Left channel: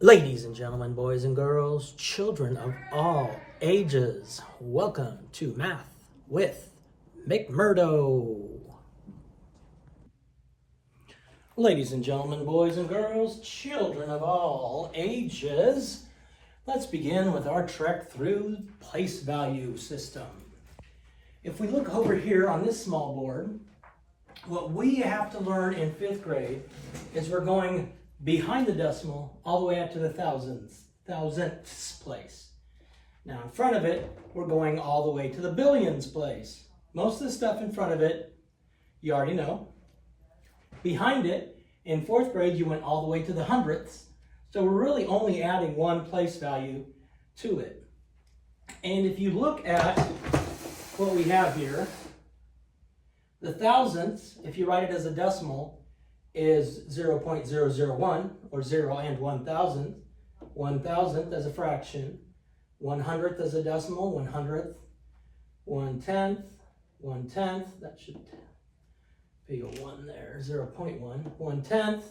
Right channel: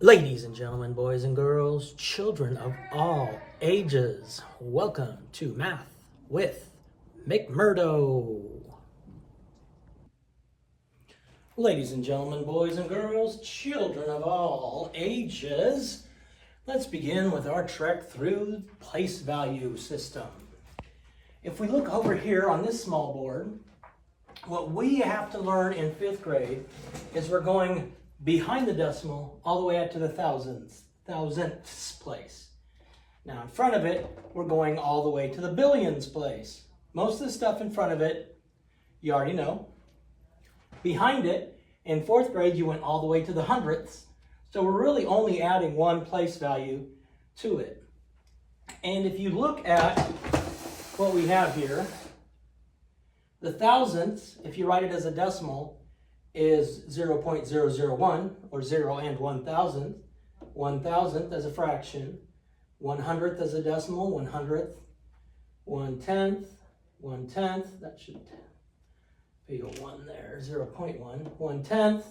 Ladies and gentlemen, boys and girls, children of all ages, welcome to Math with McMurdo. Ladies and gentlemen, boys and girls, children of all ages, let's begin with our trek through place value system. If we look over here on this small board, what we have to learn in 5th grade is we're going behind the decimal all the way up to the thousandths place. Now in front of it, we're going all the way to the billions place. Most of the stuff in front of it, you already know. Behind it, in 4th grade, you went all the way to the hundredths. So we're really only adding one place value to it. And if you look at what we have here, the thousandths, if you write it as a decimal, is 0.001, or 0 and 1,000th. 1,000th as a fraction. 100th as a decimal, 100th. 1/10th, 1/10th, that should be a 1 there, 0.1. 1/10th.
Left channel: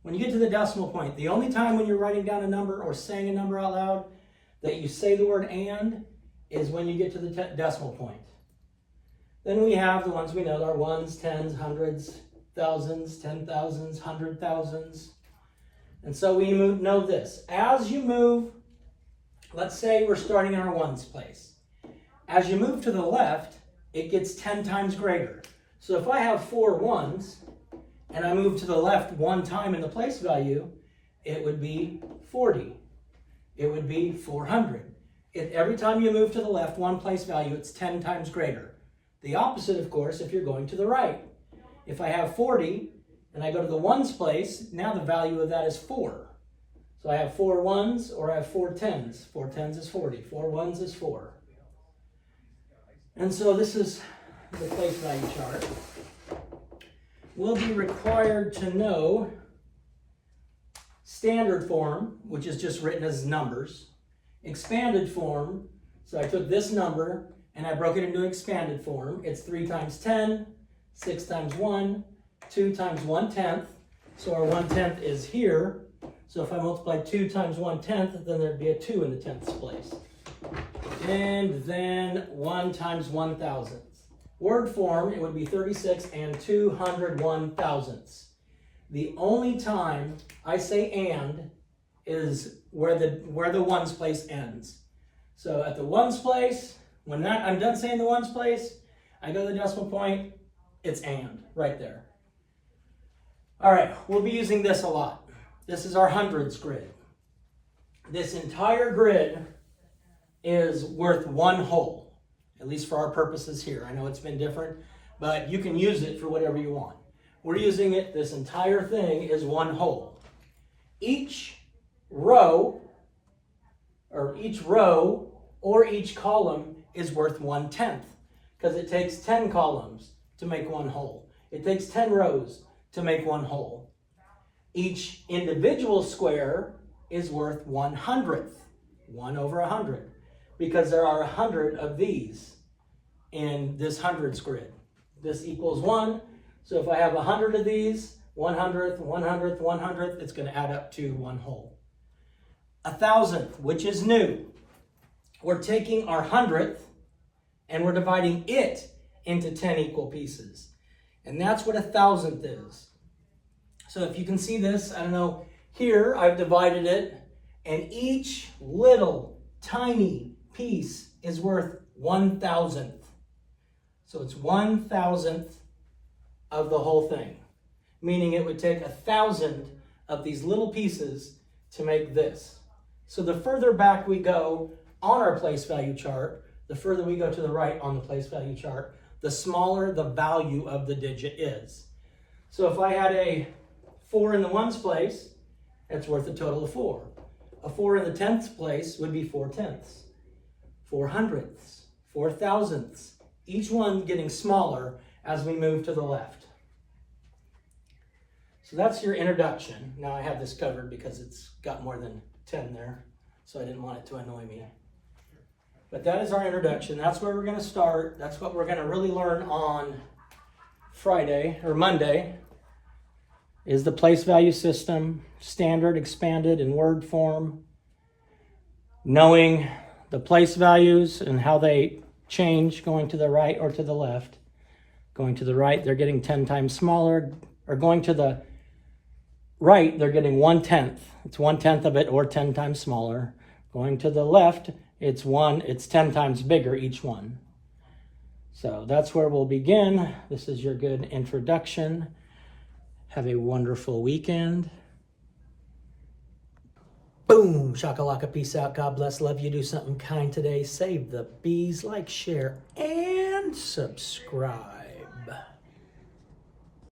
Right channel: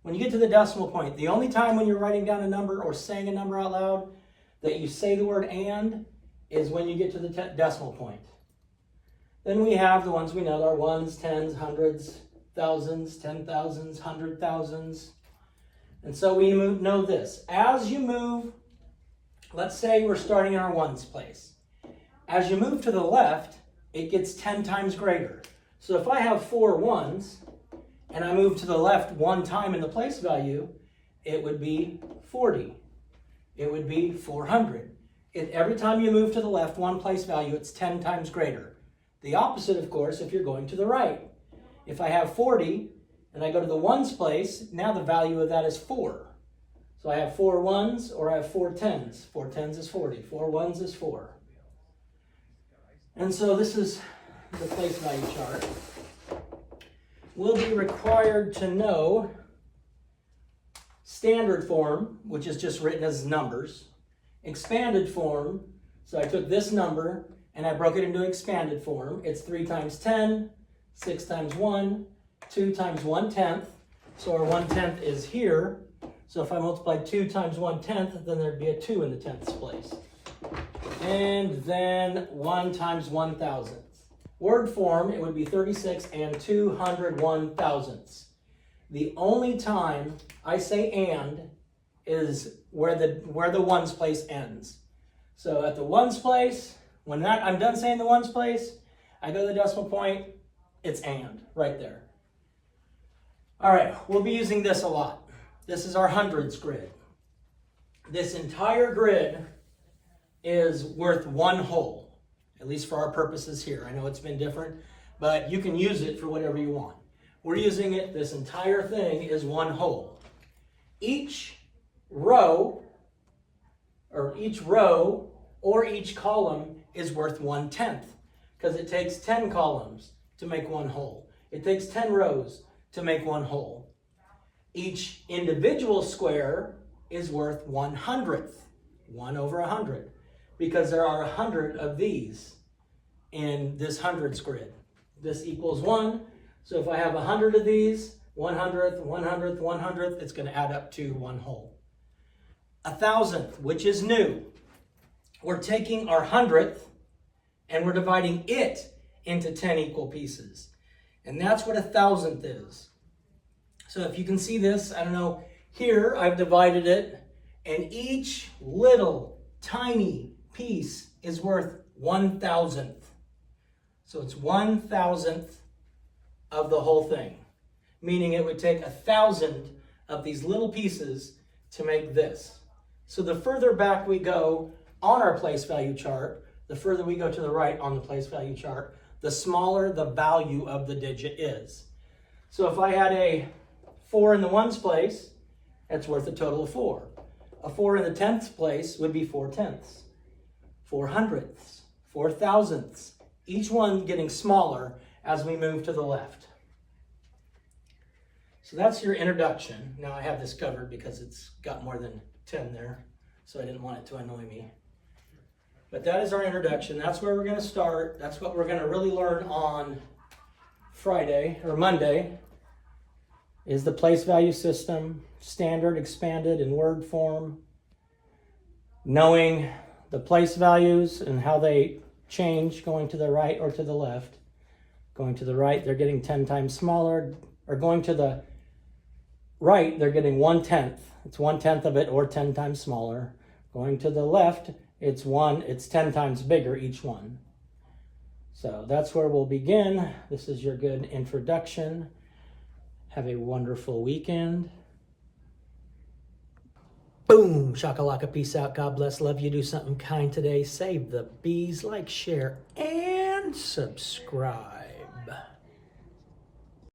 When you get to the decimal point, the only time when you're writing down a number or saying a number out loud that you say the word and is when you get to the decimal point. Then we have the ones we know are ones, tens, hundreds, thousands, 10,000s, 100,000s. And so we know this. As you move, let's say we're starting in our ones place. As you move to the left, it gets 10 times greater. So if I have 4 ones, and I move to the left one time in the place value, it would be 40. It would be 400. Every time you move to the left one place value, it's 10 times greater. The opposite, of course, if you're going to the right. If I have 40 and I go to the ones place, now the value of that is 4. So I have 4 ones or I have 4 tens. 4 tens is 40. 4 ones is 4. And so this is the place value chart. We'll be required to know standard form, which is just written as numbers. Expanded form, so I took this number and I broke it into expanded form. It's 3 times 10, 6 times 1, 2 times 1/10. So our 1/10 is here. So if I multiply 2 times 1/10, then there'd be a 2 in the tenths place. And then 1 times 1,000th. Word form, it would be 36 and 201 thousandths. The only time I say and is where the ones place ends. So at the ones place, when I'm done saying the ones place, I go to the decimal point, it's and right there. All right, we'll be using this a lot. This is our hundreds grid. This entire grid is worth one whole, at least for our purposes here. I know it's been different, but you can use it for whatever you want. We're using it, this entire thing is one whole. Each row or each column is worth 1/10 because it takes 10 columns to make one whole. It takes 10 rows to make one whole. Each individual square is worth 1/100th, 1 over 100, because there are 100 of these in this hundreds grid. This equals 1, so if I have 100 of these, 100th, 100th, 100th, it's going to add up to one whole. 1,000th, which is new. We're taking our 100th and we're dividing it into 10 equal pieces. And that's what 1,000th is. So if you can see this, I don't know, here I've divided it, and each little tiny piece is worth 1,000th. So it's 1,000th of the whole thing, meaning it would take 1,000 of these little pieces to make this. So the further back we go on our place value chart, the further we go to the right on the place value chart, the smaller the value of the digit is. So if I had a 4 in the ones place, that's worth a total of 4. A 4 in the tenths place would be 4 tenths, 4 hundredths, 4 thousandths, each one getting smaller as we move to the left. So that's your introduction. Now I have this covered because it's got more than 10 there, so I didn't want it to annoy me. But that is our introduction. That's where we're going to start. That's what we're going to really learn on Friday or Monday. is the place value system, standard, expanded, in word form. Knowing the place values and how they change going to the right or to the left. Going to the right, they're getting 10 times smaller, or going to the right, they're getting 1/10. It's 1/10 of it or 10 times smaller. Going to the left, it's 10 times bigger each one. So that's where we'll begin. This is your good introduction. Have a wonderful weekend. Boom, shakalaka, peace out, God bless, love you, do something kind today, save the bees, like, share, and subscribe.